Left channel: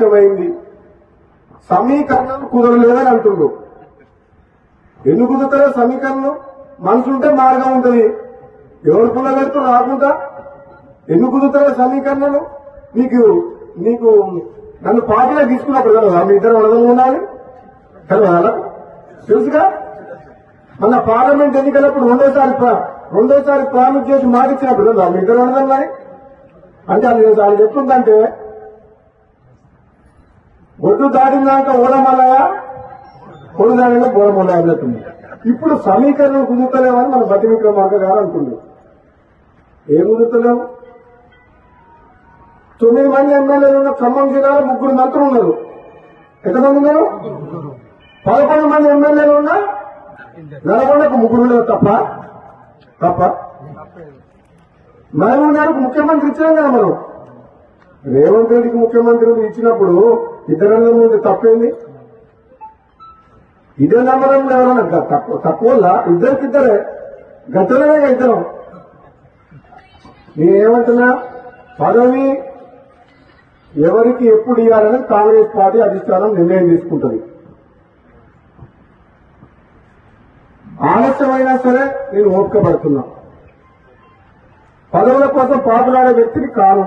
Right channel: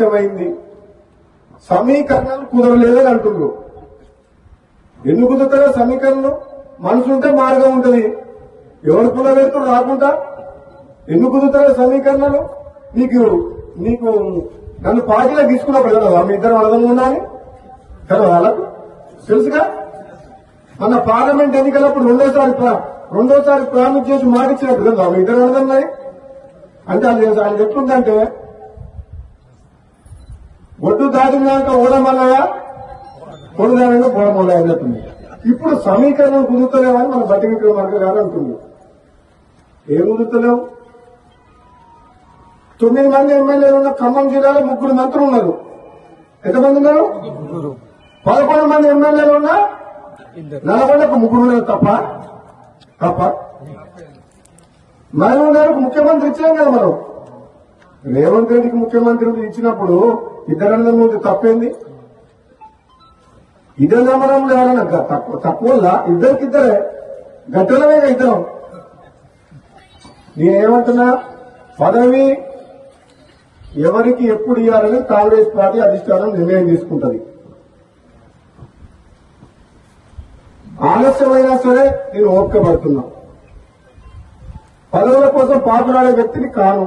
ఆలస్యమైంది, సమీకరణాలు కుదరలేదని అంటుండ్రు. ఎందుకు కుదురుతారో సమీకరణం? మనసుంటే మార్గం ఉంటుంది. ఎవరు కుదరలేదు రాకుండా ఎందుకు కుదురుతారో సమీకరణలు? నీకు నన్ను పార్టీలో తీసుకున్నప్పుడు కదా మీ ఇద్దరు అడగం ఉన్నాను కదా, తెలుసుగా. మన పార్లమెంట్ ఎన్నికలప్పుడు రెండోసారి ప్రామిస్ చేసి మాటిచ్చినప్పుడు కదా మీ ఇద్దరు అడగన్నాయి. అంటే అది ఎట్లుందంటే ఒడ్డు దాటినాక ఓడమల్లయా, పొడు దానిలో బోడమల్లయా అన్నట్టుంది. ఇప్పుడు సమీకరణం కుదురుతలేమని మన బట్టి విక్రమార్క గారు అంటుంది. ఏం కుదురుతలేవు? 9 మంది ఎమ్మెల్యేలు ఉన్న ఖమ్మం జిల్లాలో 3 మంత్రులు ఉన్నారు. ఎంతమంది ఉన్నారు? 11 మంది ఎమ్మెల్యేలు ఉన్నా నల్గొండకు 3 ఉన్నారు తప్ప మహబూబ్ గారికి ముఖ్యమంత్రి ఇచ్చినాం కదా మనం. రేవంత్ రెడ్డికి ముఖ్యమంత్రి ఇచ్చినప్పుడు ఇద్దరన్న మీద తప్పేంది? ఇదే నమ్మడం లేవాలని తక్కువ ఇద్దరికిద్దరే గట్టలనే ఇద్దరం. నేనేమంటున్నా, పదవి ఎవరికి ఎప్పుడు ఇవ్వాలని కాంగ్రెస్ పార్టీ అధిష్టానం నిర్ణయం తీసుకుంటుంది. ఆలస్యమైనా సరే నేను ఓపిక పడుతున్నా. పదవుల కోసం పాకులాడే వ్యక్తిని కాను.